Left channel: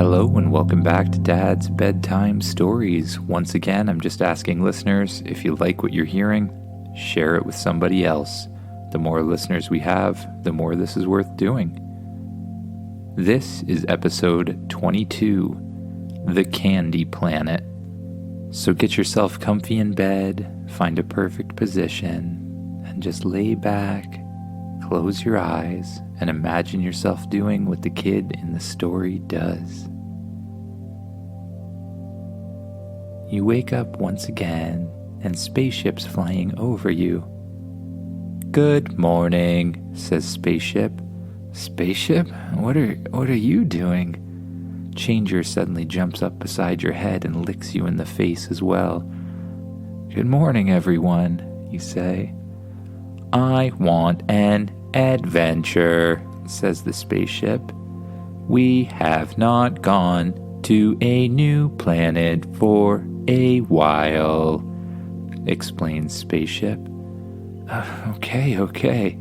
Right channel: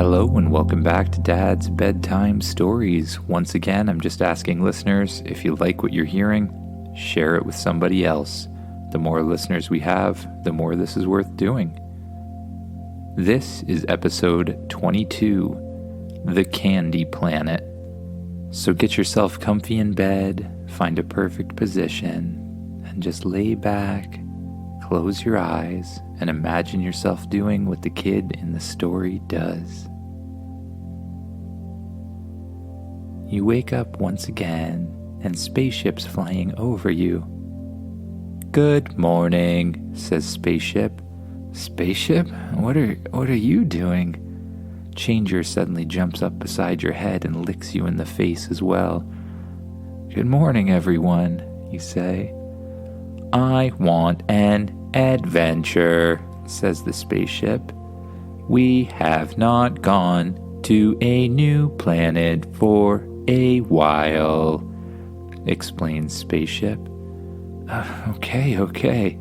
Hello and welcome back to Dad's Bedtime Stories. Once again, I'm just asking listeners, if you like what you're hearing, share it with somebody else. The more listeners we have, the more this is worth doing. This is episode 22, The Candy Planet. So get yourself comfy in bed, find a perfect position, and just lay back, close your eyes, and imagine yourself doing what the kid in the story does. You wake up once again, and spaceship's flying over you. "Good morning," says Spaceship. "Spaceship? What are you doing?" Changer suddenly jumps up beside your head and licks you in the face as well. "Good morning, everyone," you say. "I want an adventure," says the spaceship. "We have not gone to a new planet for a while," explains Spaceship. Okay.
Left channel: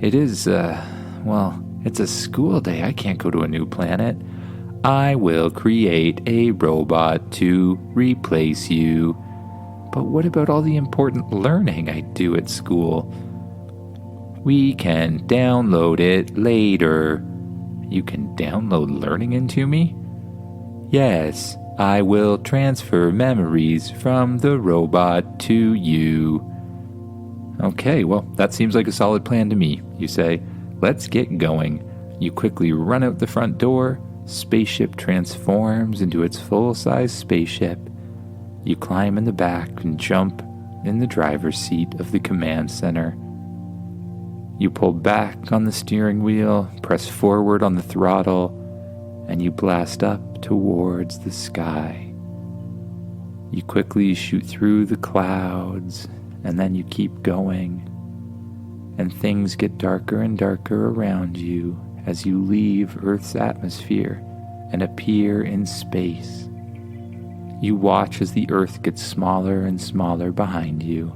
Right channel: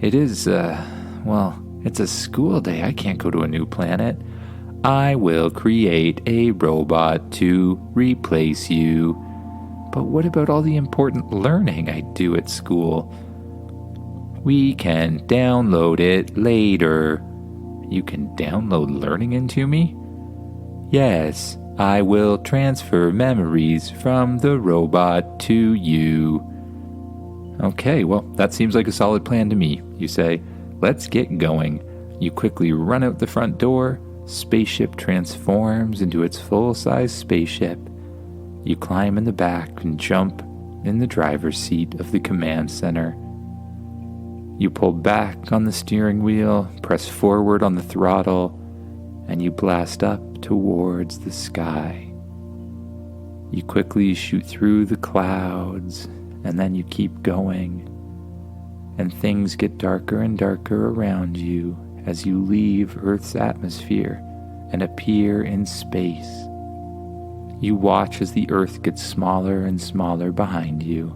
It is, it's a school day. I can't go to a new planet. I will create a robot to replace you. But what about all the important learning I do at school? We can download it later. You can download learning into me? Yes, I will transfer memories from the robot to you. Okay, well, that seems like a solid plan to me. You say, "Let's get going." You quickly run out the front door. Spaceship transforms into its full-size spaceship. You climb in the back and jump in the driver's seat of the command center. You pull back on the steering wheel, press forward on the throttle, and you blast up towards the sky. You quickly shoot through the clouds, and then you keep going. And things get darker and darker around you as you leave Earth's atmosphere and appear in space. You watch as the Earth gets smaller and smaller behind you.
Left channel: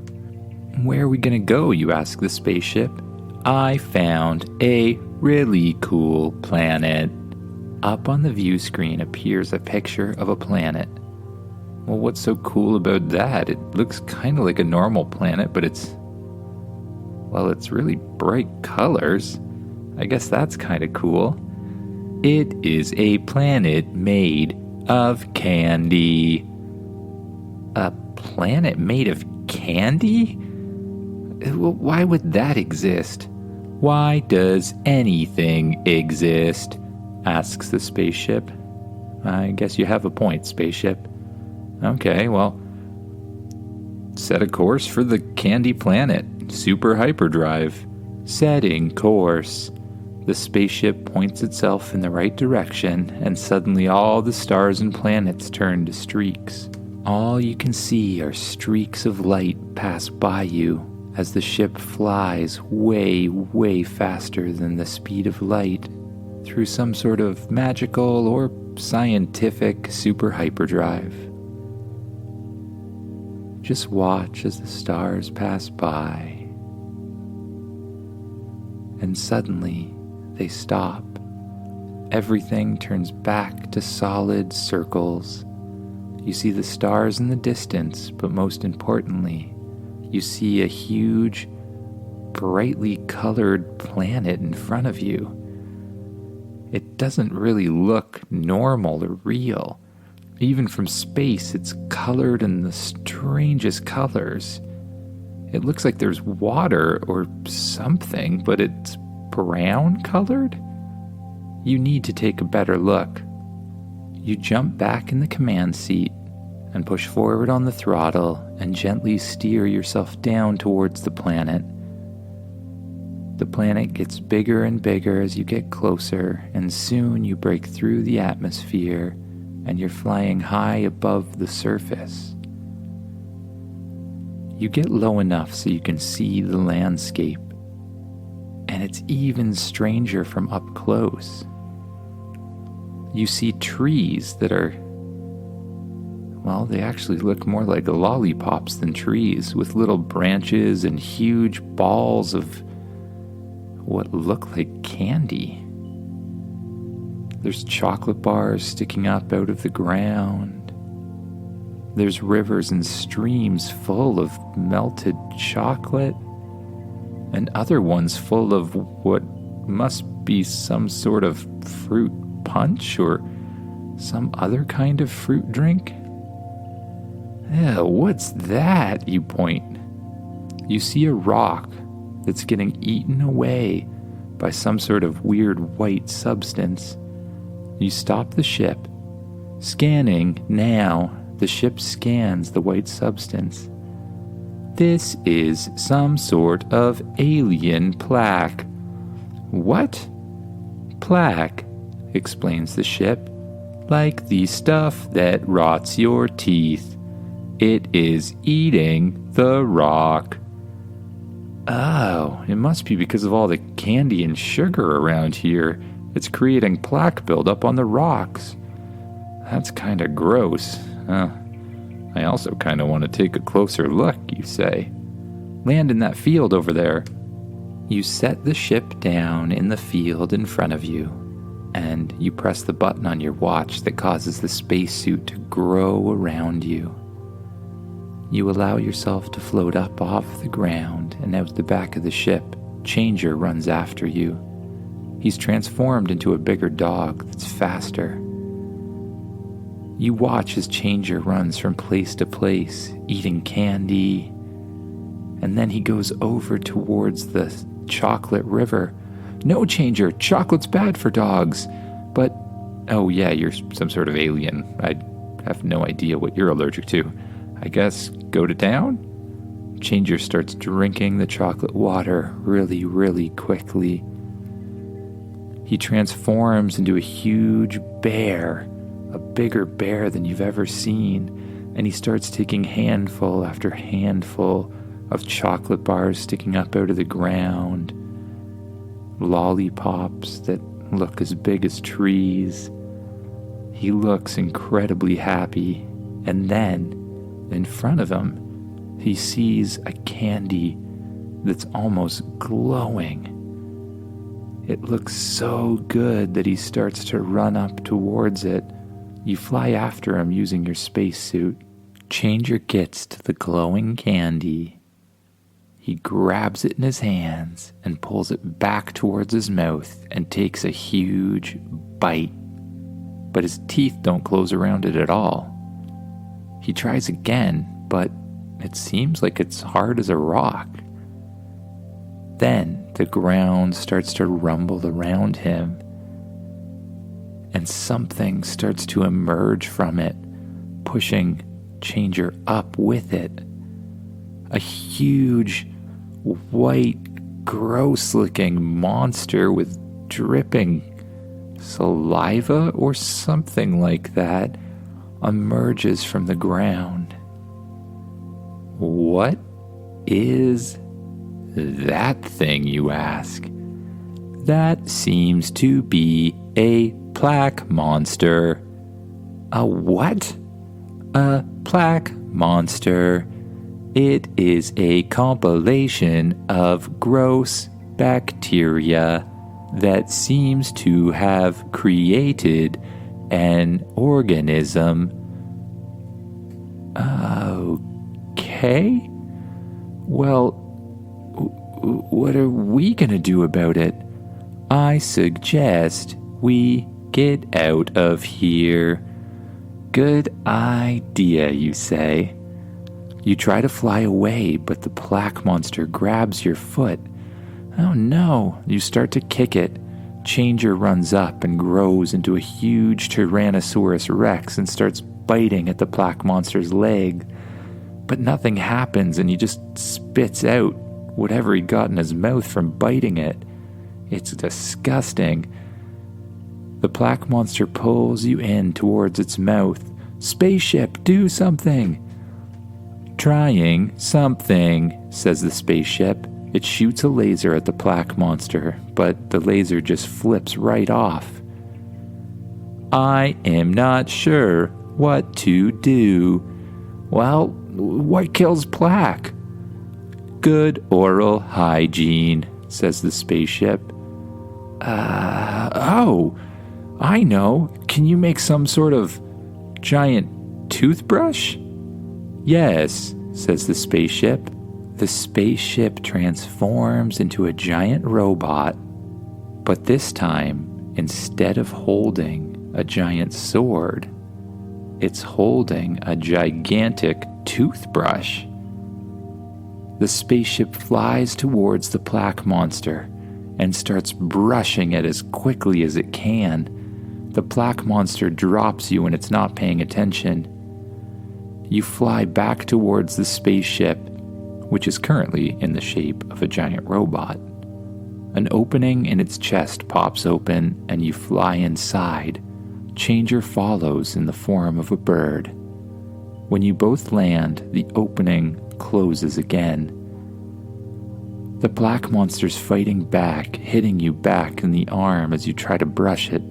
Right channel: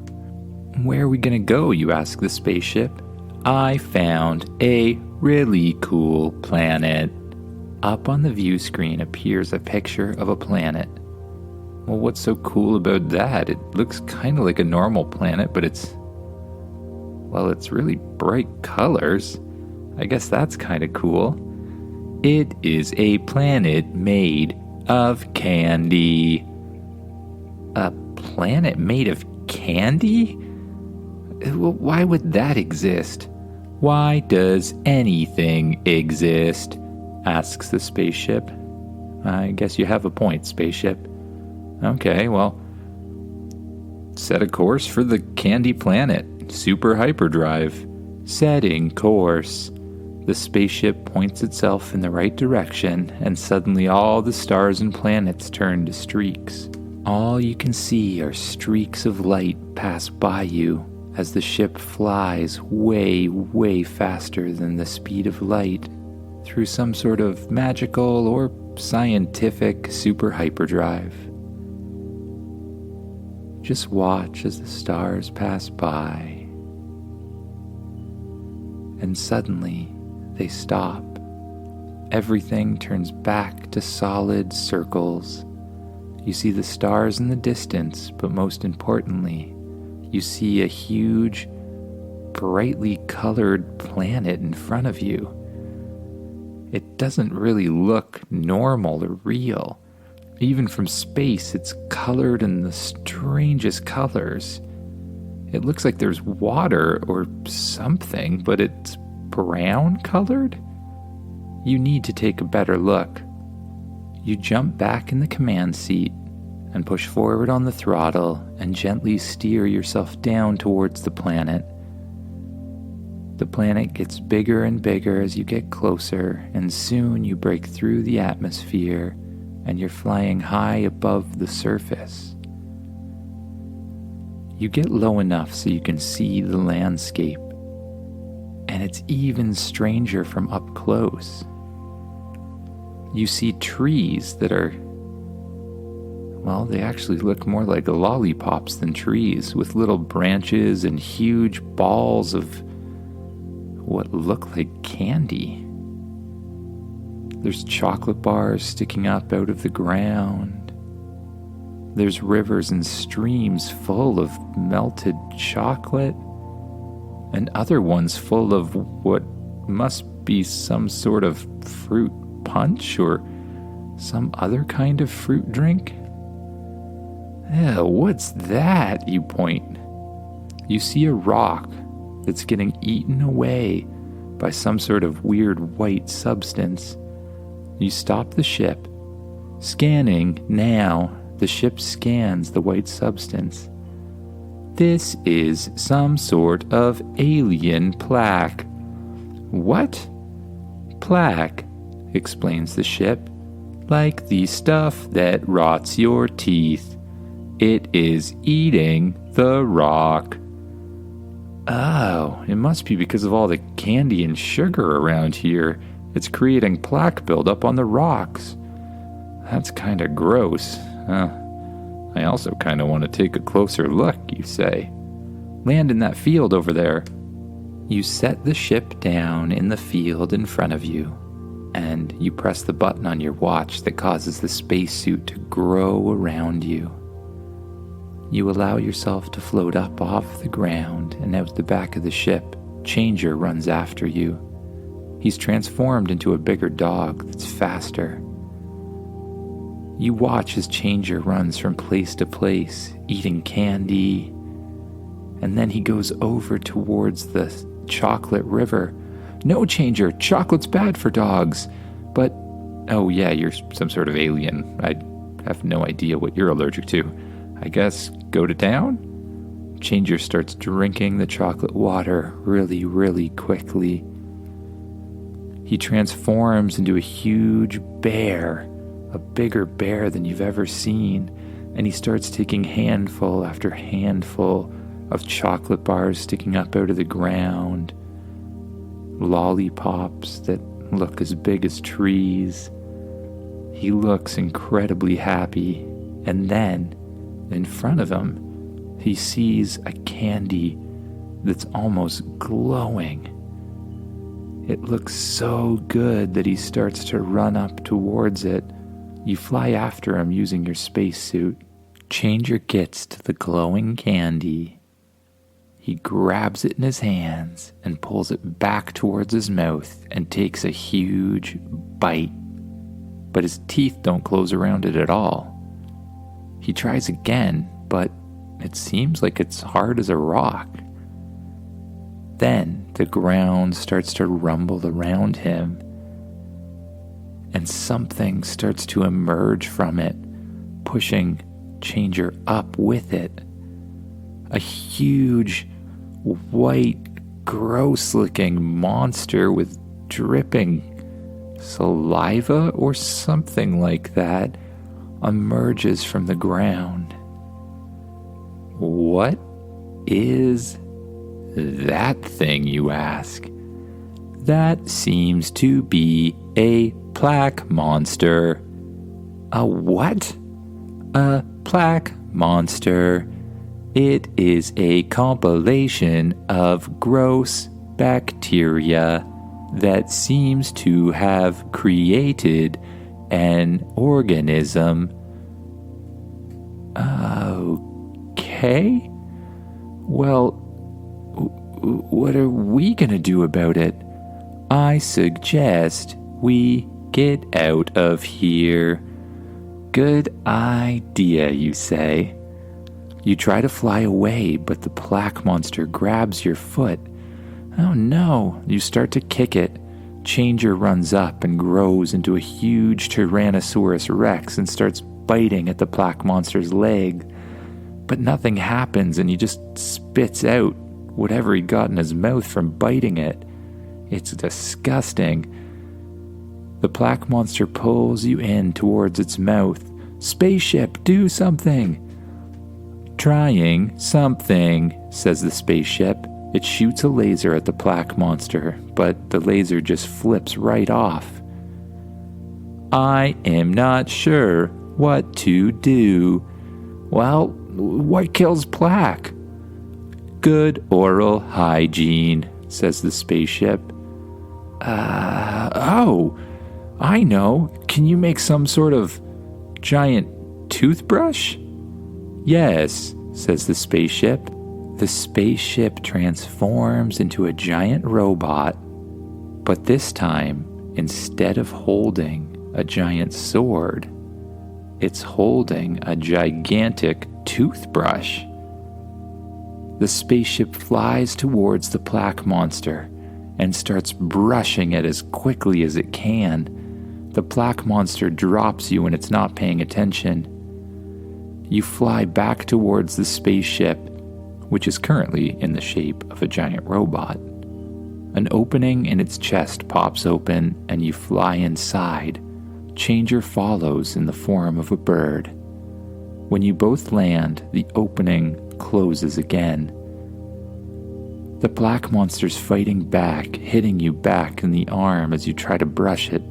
"Where are we going to go?" you ask the spaceship. "I found a really cool planet." Up on the view screen appears a picture of a planet. Well, what's so cool about that? It looks kind of like a normal planet, but it's really bright colors. I guess that's kind of cool. "It is a planet made of candy." A planet made of candy? Well, why would that exist? "Why does anything exist?" asks the spaceship. "I guess you have a point, Spaceship." "Okay, well, set a course for the candy planet. Super hyperdrive. Setting course." The spaceship points itself in the right direction, and suddenly all the stars and planets turn to streaks. All you can see are streaks of light pass by you as the ship flies way, way faster than the speed of light through some sort of magical or scientific super hyperdrive. Just watch as the stars pass by. And suddenly, they stop. Everything turns back to solid circles. You see the stars in the distance, but most importantly, you see a huge, brightly colored planet in front of you. It doesn't really look normal or real. Even from space, it's colored in the strangest colors. It looks like there's water or something, but it's brown colored? You need to take a better look. You jump back in the command seat and push forward on the throttle and gently steer yourself down towards the planet. The planet gets bigger and bigger as you get closer, and soon you break through the atmosphere and you're flying high above the surface. You get low enough so you can see the landscape, and it's even stranger from up close. You see trees that are, they actually look more like lollipops than trees, with little branches and huge balls of what look like candy. There's chocolate bars sticking up out of the ground. There's rivers and streams full of melted chocolate, and other ones full of what must be some sort of fruit punch or some other kind of fruit drink. Ew, what's that? You point. You see a rock that's getting eaten away by some sort of weird white substance. You stop the ship. Scanning now, the ship scans the white substance. This is some sort of alien plaque. What? Plaque, explains the ship, like the stuff that rots your teeth. It is eating the rock. Oh, it must be because of all the candy and sugar around here. It's creating plaque buildup on the rocks. That's kind of gross. I also kind of want to take a closer look, you say. Land in that field over there. You set the ship down in the field in front of you, and you press the button on your watch that causes the spacesuit to grow around you. You allow yourself to float up off the ground and out the back of the ship. Changer runs after you. He's transformed into a bigger dog that's faster. You watch as Changer runs from place to place, eating candy, and then he goes over towards the chocolate river. No, Changer, chocolate's bad for dogs. But, oh yeah, you're some sort of alien. I have no idea what you're allergic to. I guess go to town? Changer starts drinking the chocolate water really, really quickly. He transforms into a huge bear, a bigger bear than you've ever seen, and he starts taking handful after handful of chocolate bars sticking up out of the ground, lollipops that look as big as trees. He looks incredibly happy, and then, in front of him, he sees a candy that's almost glowing. It looks so good that he starts to run up towards it. You fly after him using your spacesuit. Changer gets to the glowing candy. He grabs it in his hands and pulls it back towards his mouth and takes a huge bite. But his teeth don't close around it at all. He tries again, but it seems like it's hard as a rock. Then the ground starts to rumble around him, and something starts to emerge from it, pushing Changer up with it. A huge, white, gross-looking monster with dripping saliva or something like that emerges from the ground. What is that thing, you ask? That seems to be a plaque monster. A what? A plaque monster. It is a compilation of gross bacteria that seems to have created an organism. Okay. Well, what are we gonna do about it? I suggest we get out of here. Good idea, you say. You try to fly away, but the plaque monster grabs your foot. Oh no, you start to kick it. Changer runs up and grows into a huge Tyrannosaurus Rex and starts biting at the plaque monster's leg. But nothing happens, and he just spits out whatever he got in his mouth from biting it. It's disgusting. The plaque monster pulls you in towards its mouth. Spaceship, do something! Trying something, says the spaceship. It shoots a laser at the plaque monster, but the laser just flips right off. I am not sure what to do. Well, what kills plaque? Good oral hygiene, says the spaceship. I know. Can you make some sort of giant toothbrush? Yes, says the spaceship. The spaceship transforms into a giant robot, but this time, instead of holding a giant sword, it's holding a gigantic toothbrush. The spaceship flies towards the plaque monster and starts brushing it as quickly as it can. The plaque monster drops you when it's not paying attention. You fly back towards the spaceship, which is currently in the shape of a giant robot. An opening in its chest pops open and you fly inside. Changer follows in the form of a bird. When you both land, the opening closes again. The black monster's fighting back, hitting you back in the arm as you try to brush it.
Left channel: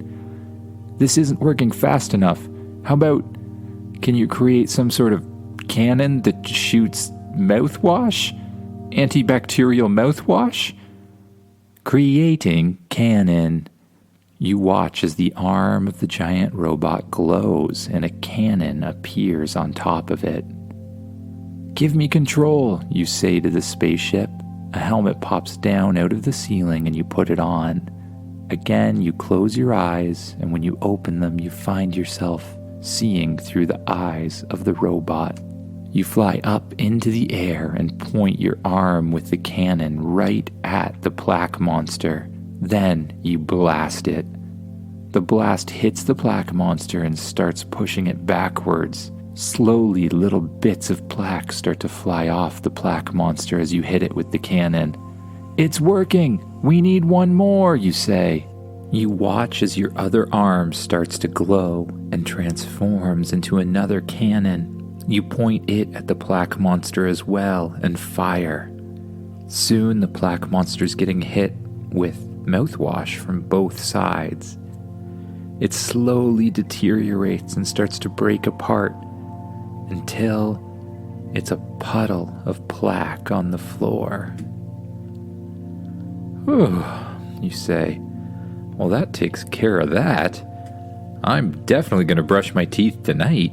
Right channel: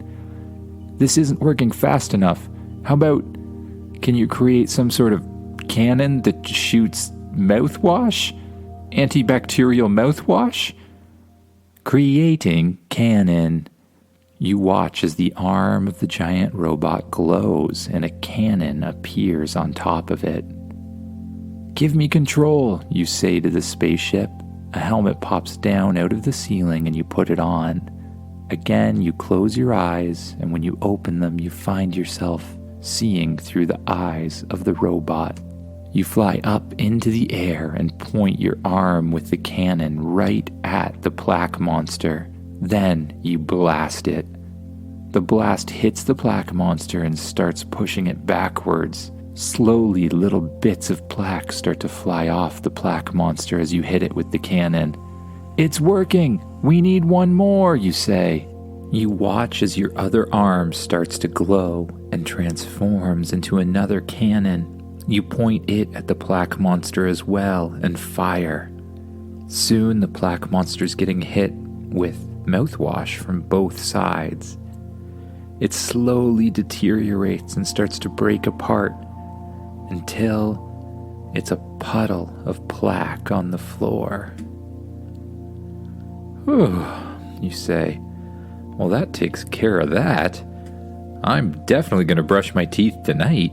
This isn't working fast enough. How about, can you create some sort of cannon that shoots mouthwash? Antibacterial mouthwash? Creating cannon. You watch as the arm of the giant robot glows and a cannon appears on top of it. Give me control, you say to the spaceship. A helmet pops down out of the ceiling and you put it on. Again, you close your eyes, and when you open them, you find yourself seeing through the eyes of the robot. You fly up into the air and point your arm with the cannon right at the plaque monster. Then you blast it. The blast hits the plaque monster and starts pushing it backwards. Slowly, little bits of plaque start to fly off the plaque monster as you hit it with the cannon. It's working! We need one more, you say. You watch as your other arm starts to glow and transforms into another cannon. You point it at the plaque monster as well and fire. Soon the plaque monster's getting hit with mouthwash from both sides. It slowly deteriorates and starts to break apart until it's a puddle of plaque on the floor. Whew, you say. Well, that takes care of that. I'm definitely going to brush my teeth tonight.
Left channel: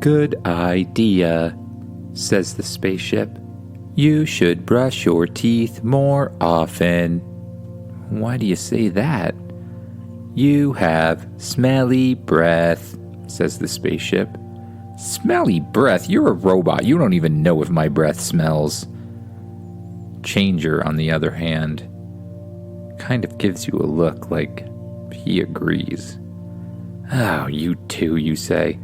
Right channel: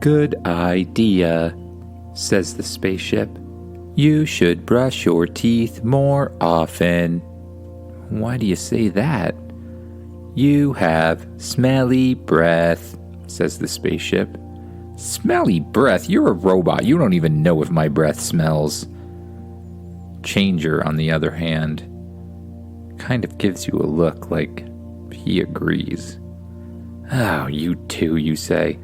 Good idea, says the spaceship. You should brush your teeth more often. Why do you say that? You have smelly breath, says the spaceship. Smelly breath? You're a robot. You don't even know if my breath smells. Changer, on the other hand, kind of gives you a look like he agrees. Oh, you two, you say.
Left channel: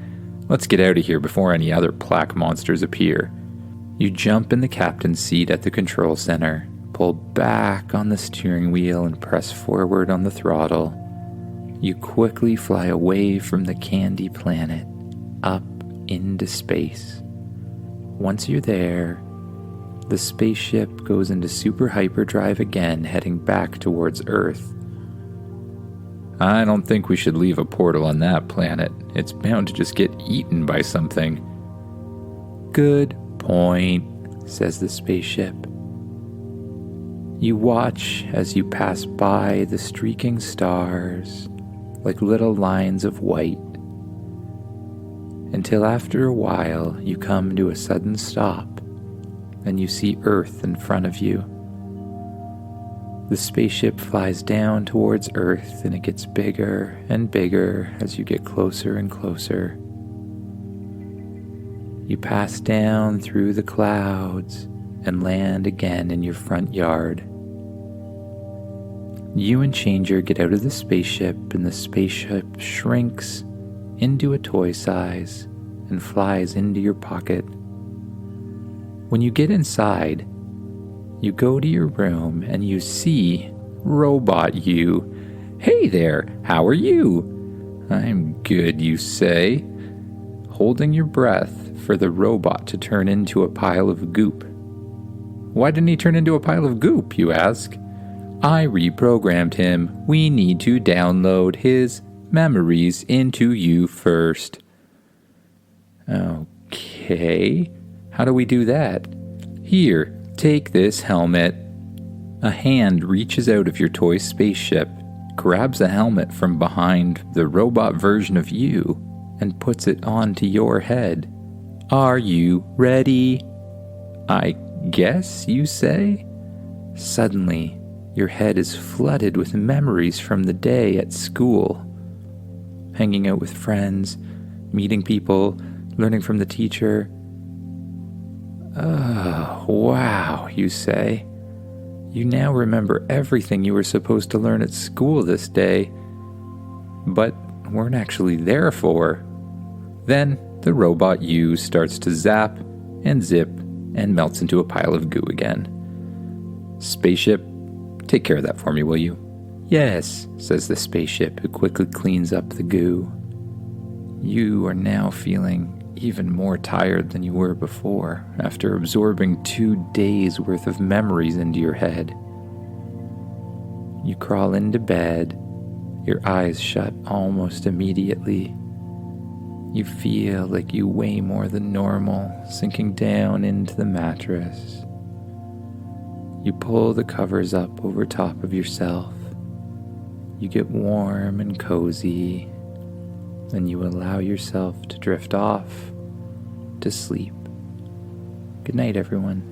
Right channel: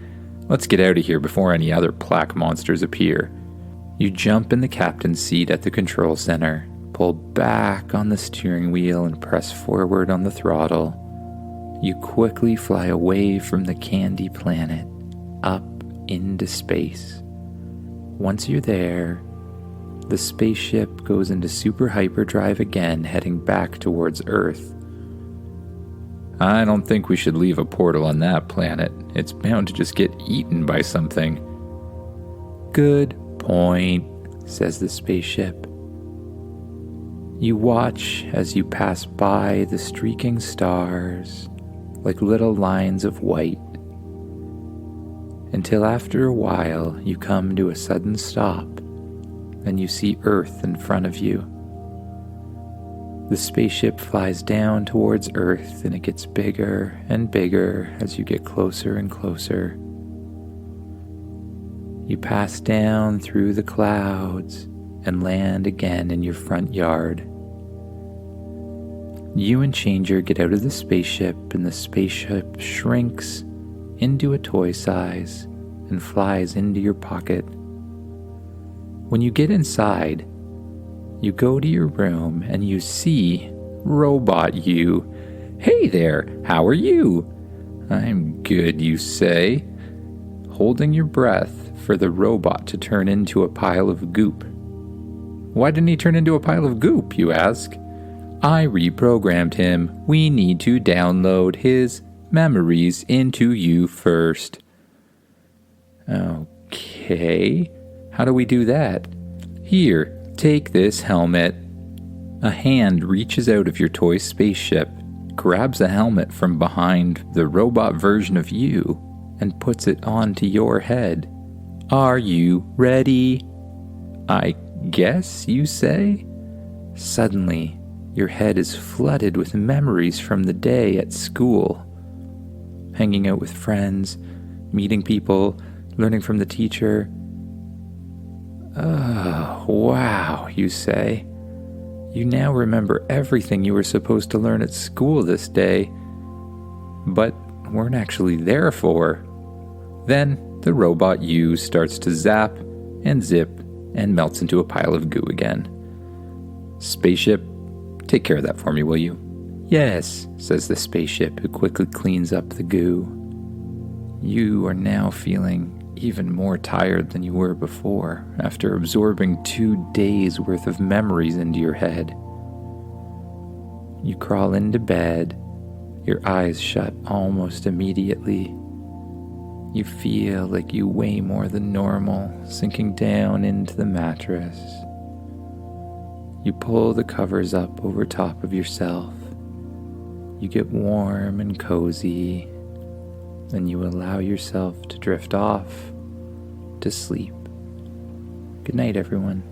Let's get out of here before any other plaque monsters appear. You jump in the captain's seat at the control center, pull back on the steering wheel and press forward on the throttle. You quickly fly away from the candy planet, up into space. Once you're there, the spaceship goes into super hyperdrive again, heading back towards Earth. I don't think we should leave a portal on that planet. It's bound to just get eaten by something. Good point, says the spaceship. You watch as you pass by the streaking stars, like little lines of white, until after a while you come to a sudden stop and you see Earth in front of you. The spaceship flies down towards Earth and it gets bigger and bigger as you get closer and closer. You pass down through the clouds and land again in your front yard. You and Changer get out of the spaceship and the spaceship shrinks into a toy size and flies into your pocket. When you get inside, you go to your room and you see Robot You. Hey there, how are you? I'm good, you say, holding your breath for the robot to turn into a pile of goop. Why didn't he turn into a pile of goop, you ask? I reprogrammed him. We need to download his memories into you first. Okay, how do we do that? Here, take this helmet. A hand reaches out of your toy spaceship, grabs a helmet from behind the robot version of you and puts it onto your head. Are you ready? I guess, you say? Suddenly, your head is flooded with memories from the day at school. Hanging out with friends, meeting people, learning from the teacher. Oh, wow, you say. You now remember everything you were supposed to learn at school this day, but weren't actually there for. Then the robot you starts to zap and zip and melts into a pile of goo again. Spaceship, take care of that for me, will you? Yes, says the spaceship, who quickly cleans up the goo. You are now feeling even more tired than you were before, after absorbing 2 days worth of memories into your head. You crawl into bed, your eyes shut almost immediately. You feel like you weigh more than normal, sinking down into the mattress. You pull the covers up over top of yourself. You get warm and cozy, and you allow yourself to drift off to sleep. Good night, everyone.